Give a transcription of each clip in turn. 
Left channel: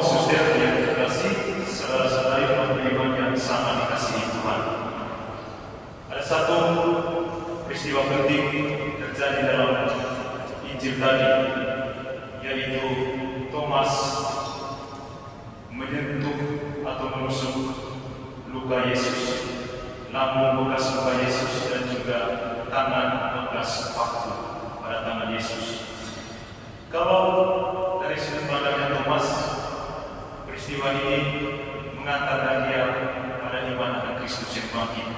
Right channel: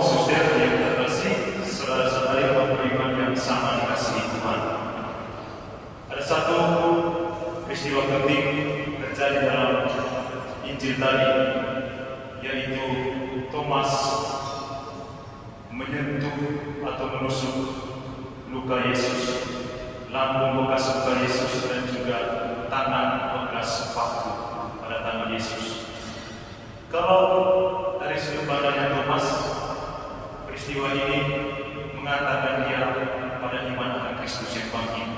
suster yang terkasih, saudara-saudari beriman yang sangat dikasihi Tuhan. Ada satu peristiwa penting terjadi dalam Injil tadi, yaitu Thomas menyentuh atau menusuk luka Yesus, lambung bekas luka Yesus, dan juga tangan bekas paku pada tangan Yesus. Kalau dari sudut pandangnya Thomas, peristiwa ini mengantarkan dia pada iman akan Kristus yang bangkit.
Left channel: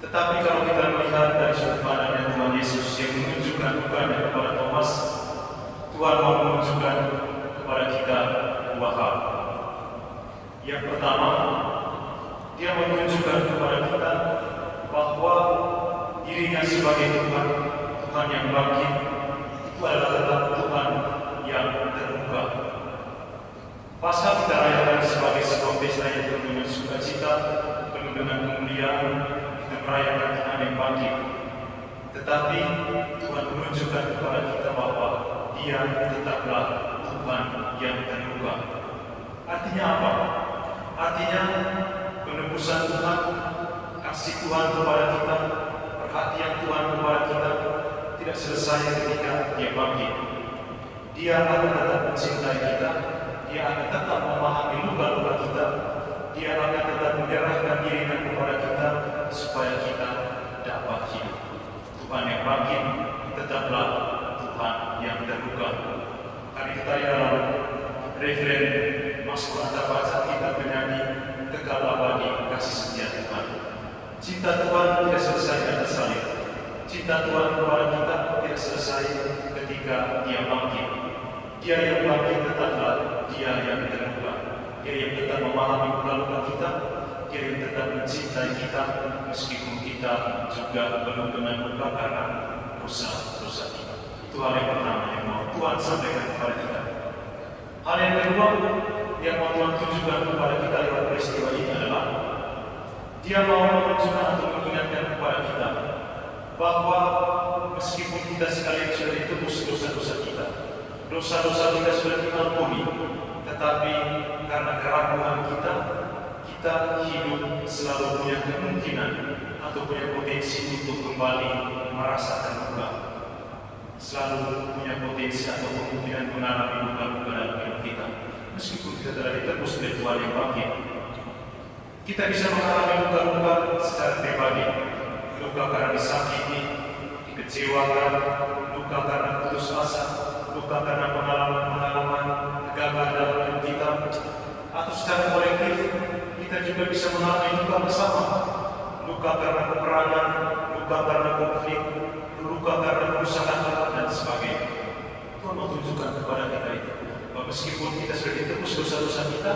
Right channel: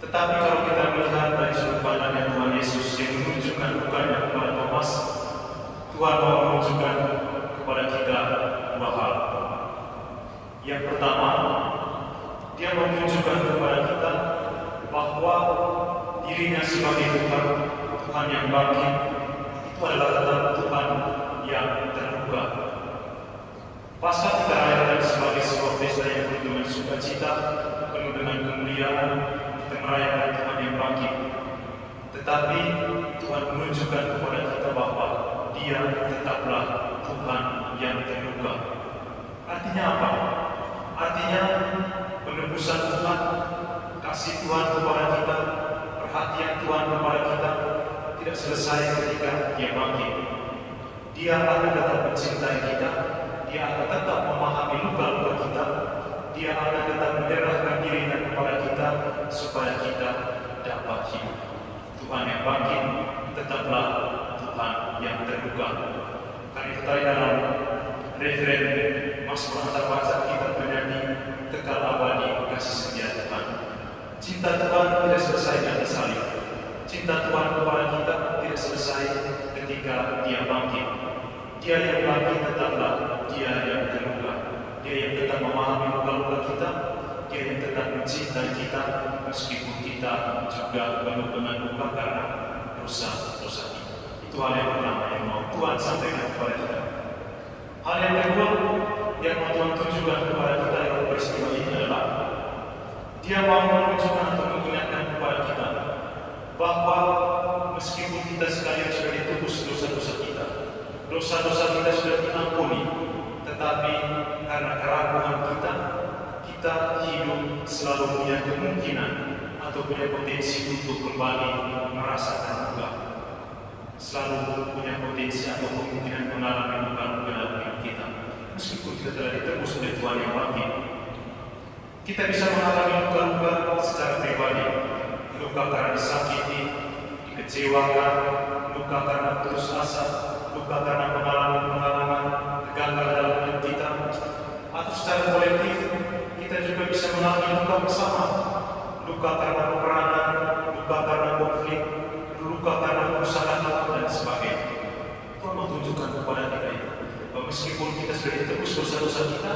Tetapi kalau kita melihat dari sudut pandangnya Tuhan Yesus yang menunjukkan lukanya kepada Thomas, Tuhan mau menunjukkan kepada kita dua hal. Yang pertama, dia menunjukkan kepada kita bahwa dirinya sebagai Tuhan, Tuhan yang bangkit, itu adalah tetap Tuhan yang terbuka. Pasca kita rayakan sebagai sebuah pesta yang penuh dengan sukacita, penuh dengan kemuliaan, kita merayakan Tuhan yang bangkit. Tetapi Tuhan menunjukkan kepada kita bahwa Dia tetaplah Tuhan yang terbuka. Artinya apa? Artinya penebusan Tuhan, kasih Tuhan kepada kita, perhatian Tuhan kepada kita tidak selesai ketika Dia bangkit. Dia akan tetap mencintai kita, Dia akan tetap memahami luka-luka kita, Dia akan tetap menyerahkan dirinya kepada kita supaya kita dapat hidup. Tuhan yang bangkit tetaplah Tuhan yang terbuka. Karena kita dalam referen Mazmur Antarbaca kita bernyanyi kekal abadi kasih setia Tuhan. Cinta Tuhan tidak selesai dengan salib. Cinta Tuhan kepada kita tidak selesai ketika Dia bangkit. Dia yang bangkit tetaplah Dia yang terbuka. Dia yang tetap memahami luka-luka kita. Dia yang tetap mencintai kita meskipun kita juga penuh dengan luka karena dosa-dosa kita. Itu hal yang pertama yang mau Tuhan sampaikan kepada kita. Hal yang kedua yang mau Tuhan tunjukkan kepada kita lewat peristiwa ini adalah Dia mau menunjukkan atau mengingatkan kepada kita bahwa meskipun kita sekalian sudah ditebus dosa-dosa kita, dosa-dosa kita sudah diampuni, tetapi karena keraguan kita, kita hidup selalu punya kemungkinan atau punya potensi untuk kembali merasakan luka. Selalu punya potensi atau kemungkinan mengalami luka-luka dalam hidup kita. Meskipun kita telah ditebus oleh Tuhan yang bangkit, kita bisa mengalami luka-luka secara pribadi. Luka karena disakiti, dikecewakan, luka karena putus asa, luka karena pengalaman-pengalaman gagal dalam hidup kita, atau secara kolektif kita juga bisa mengalami luka bersama. Luka karena peperangan, luka karena konflik, luka karena kerusakan alam dan sebagainya. Tuhan mau tunjukkan kepada kita itu bahwa meskipun kita sudah ditebus dosa-dosa kita,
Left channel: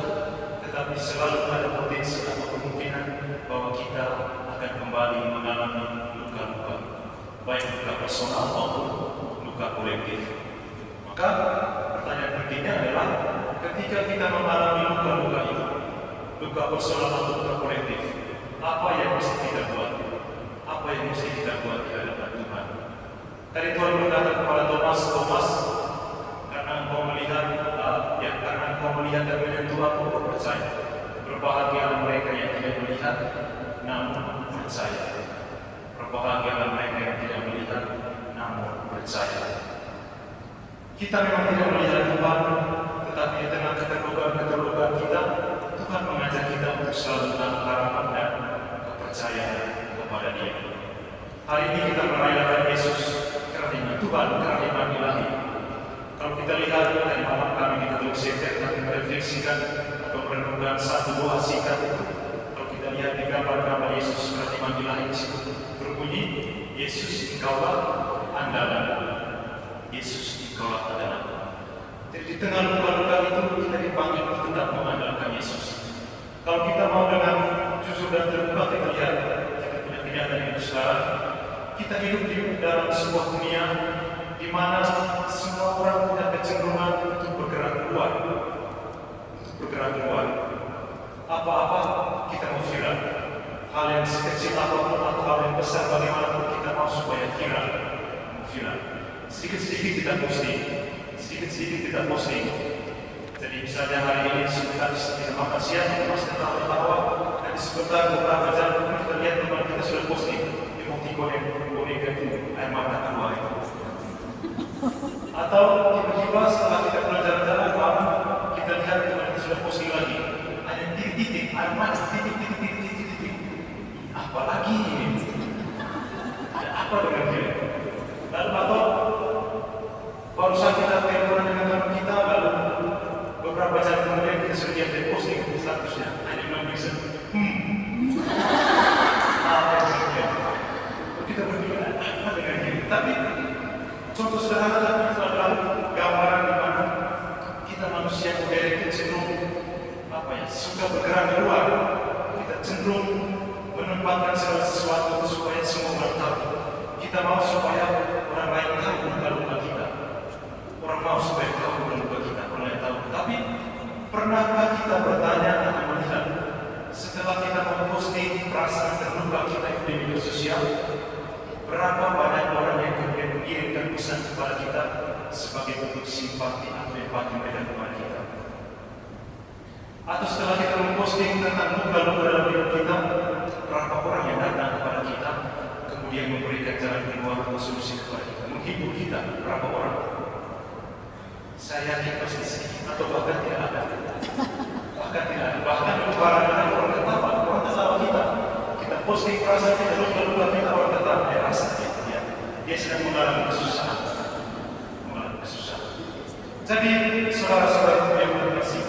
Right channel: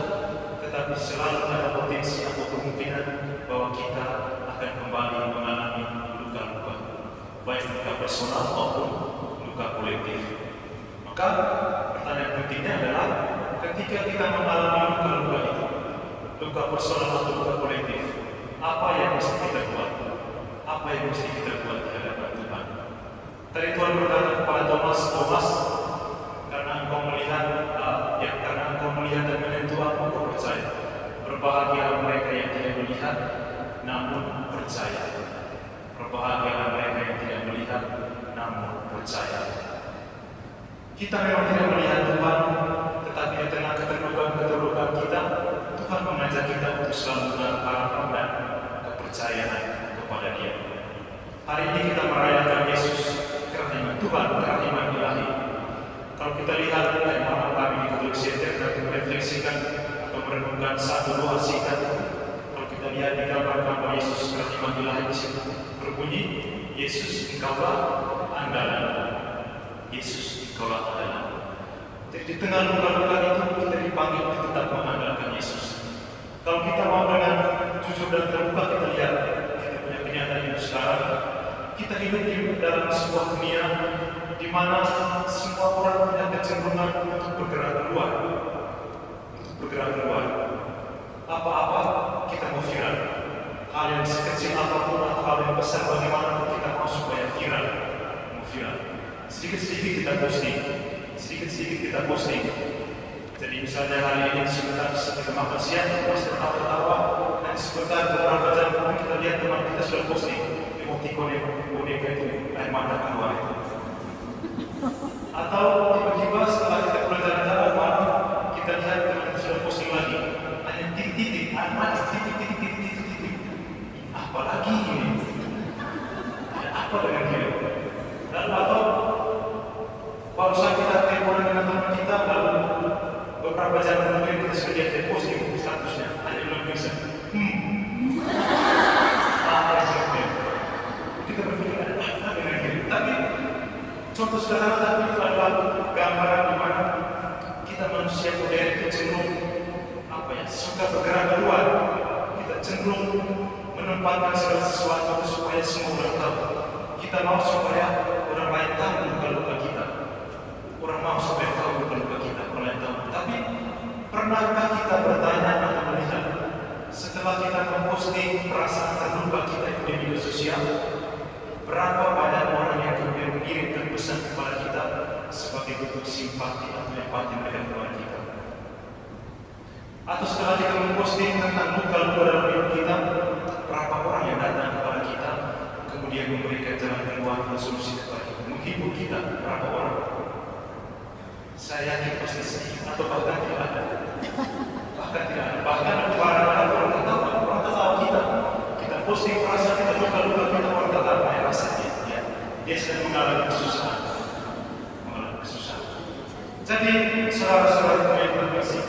tetapi selalu ada potensi atau kemungkinan bahwa kita akan kembali mengalami luka-luka, baik luka personal maupun luka kolektif. Maka pertanyaan pentingnya adalah ketika kita mengalami luka-luka itu, luka personal atau luka kolektif, apa yang mesti kita buat? Apa yang mesti kita buat di hadapan Tuhan? Tadi Tuhan berkata kepada Thomas, karena engkau melihat dan menyentuh aku, engkau percaya. Berbahagialah mereka yang tidak melihat namun percaya. Berbahagialah mereka yang tidak melihat namun percaya. Kita memang tidak melihat Tuhan, tetapi di tengah keterlukaan kita, Tuhan mengajak kita untuk selalu menaruh harapan dan kepercayaan kepada Dia. Hari ini kita merayakan Yesus karena Tuhan, karena iman ilahi. Kalau kita lihat dari malam kami di Katolik Center, kami merefleksikan atau merenungkan satu doa singkat. Kalau kita lihat di gambar Yesus karena iman ilahi di situ berbunyi, Yesus Engkaulah andalan. Yesus Engkaulah andalan. Jadi di tengah luka-luka itu kita dipanggil untuk tetap mengandalkan Yesus. Kalau kita mau dengan jujur dan terbuka, kita lihat kita punya kenyataan hidup sekarang. Kita hidup di dalam sebuah dunia di mana semua orang punya kecenderungan untuk bergerak keluar. Apa-apa kita mau viral. Hal yang sekecil apapun atau hal yang besar bagaimanapun kita mau supaya viral. Sedikit-sedikit kita posting. Jadi misalnya hari ini sebentar kita makan siang, masih ketawa-ketawa, dan sebentar beberapa jam kita lihat teman kita sudah posting emoticon yang boneka itu air mata keluar itu. Atau tiba-tiba setelah kita pulang jalan-jalan malam, kita lihat teman kita sudah posting lagi, hanya titik-titik air mata, titik-titik. Apalagi ini? Ada apa dengan dia? Lalu atau barusan kita teleponan dengan teman kita, lalu beberapa jam kemudian kita sudah lihat posting statusnya hanya belum bisa. Kita berpikir apa dengan dia? Tapi contoh sederhana tapi itu adalah gambaran di mana kita manusia modern cenderung suka bergerak keluar. Kita cenderung menempatkan segala sesuatu supaya semua orang tahu. Kita mau supaya orang lain tahu luka-luka kita. Orang mau supaya tahu luka-luka kita, orang lain tahu. Tapi pernahkah kita bertanya atau melihat setelah kita memposting perasaan terluka kita di media sosial, berapa banyak orang yang kemudian mengirimkan pesan kepada kita sebagai bentuk simpati atau empati mereka kepada kita? Atau setelah kita memposting tentang luka-luka dalam hidup kita, berapa orang yang datang kepada kita kemudian memberikan jalan keluar atau solusi kepada kita, menghibur kita? Berapa orang? Saya yakin pasti sedikit atau bahkan tidak ada. Bahkan orang ketawa kita. Kita posting perasaan kita luka-luka kita, orang ketawa. Rasanya dia sedang mengalami kesusahan. Jadi saudara-saudara yang terkasih,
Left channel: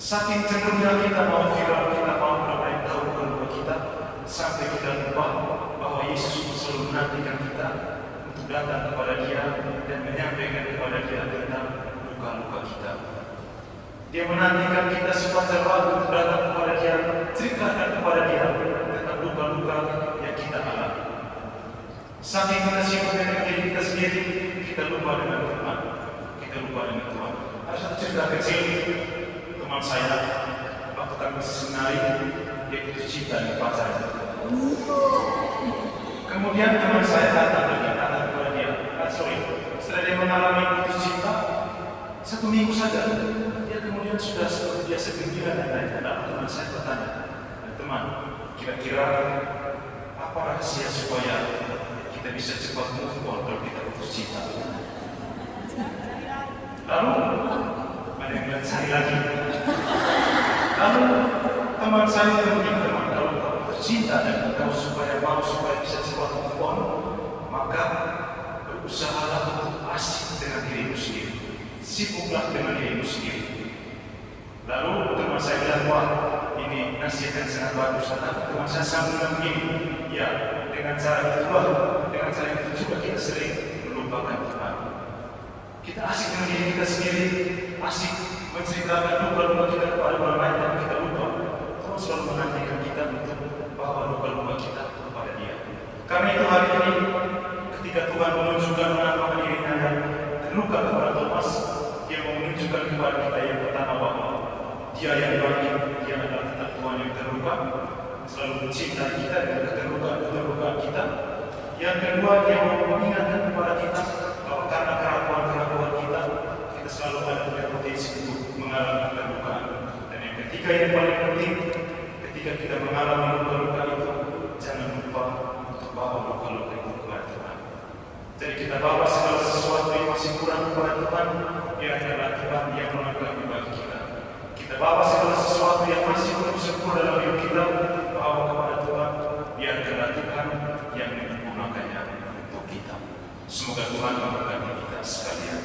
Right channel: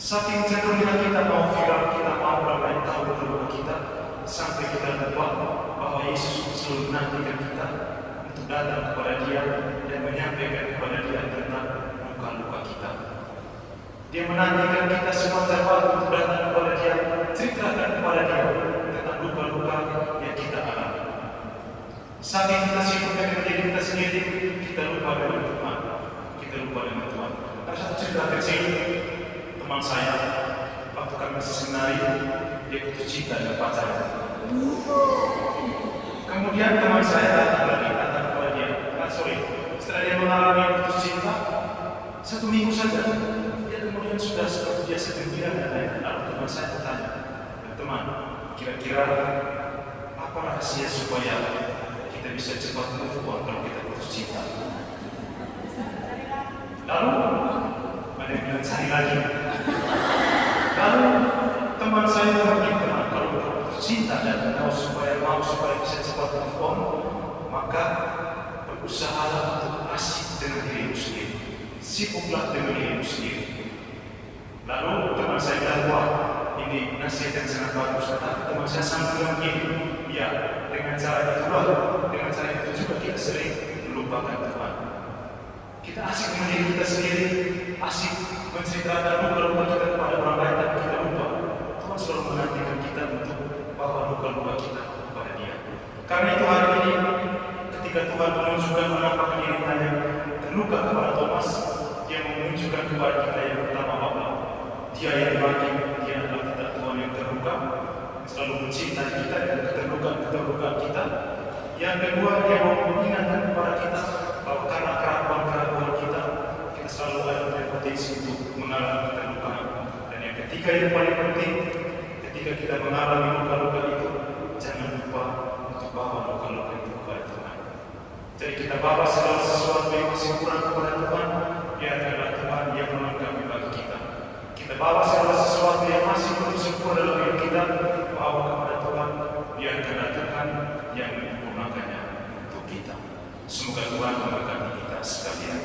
saking cenderungnya kita mau viral, kita mau orang lain tahu luka kita, sampai kita lupa bahwa Yesus selalu menantikan kita untuk datang kepada Dia dan menyampaikan kepada Dia tentang luka-luka kita. Dia menantikan kita sepanjang waktu untuk datang kepada Dia, ceritakan kepada Dia tentang luka-luka yang kita alami. Saking kita sibuk dengan diri kita sendiri, kita lupa dengan Tuhan. Ada satu cerita kecil teman saya waktu kami masih senari, dia putus cinta dengan pacarnya. Kemudian teman saya datang kepada dia, setelah dia mengalami putus cinta 1 minggu saja, dia kemudian sudah seperti biasa gembira dan lain-lain. Lalu teman saya bertanya, teman, kira-kira apa rahasia supaya kita bisa cepat move on kalau kita putus cinta? Lalu ada yang bilang cari lagi. Lalu teman saya memberi teman, kalau kau putus cinta dan kau supaya bisa cepat move on, maka berusahalah untuk asik dengan dirimu sendiri, sibuklah dengan dirimu sendiri. Lalu teman saya bilang, wah ini nasihat yang sangat bagus. Teman saya sambung begini, ya dengan cara itu juga kita sering melupakan teman. Kita asik dengan diri kita sendiri, asik menceritakan luka-luka kita kepada orang lain, tapi kita lupa Tuhan selalu menantikan kita untuk bawa luka-luka kita kepada Dia. Karena itu hari ini, ketika Tuhan menunjukkan menampakkan dirinya yang terluka kepada Thomas, Dia menunjukkan kepada kita yang pertama bahwa Dia yang baik, Dia adalah kita Tuhan yang terluka, selalu mencintai kita dengan keterlukaan kita. Yang kedua, Dia mau mengingatkan kepada kita bahwa karena keraguan kita selalu ada potensi untuk mengalami keterlukaan. Dan yang ketiga yang paling penting, ketika kita mengalami luka-luka itu, jangan lupa untuk bawa luka-luka itu kepada Tuhan. Jadi kita bawa segala sesuatu yang masih kurang kepada Tuhan, Dia adalah Tuhan yang melengkapi bagi kita. Kita bawa segala sesuatu yang masih belum sempurna dalam hidup kita, bawa kepada Tuhan, Dia adalah Tuhan yang menyempurnakannya untuk kita. Semoga Tuhan memberkati kita sekalian.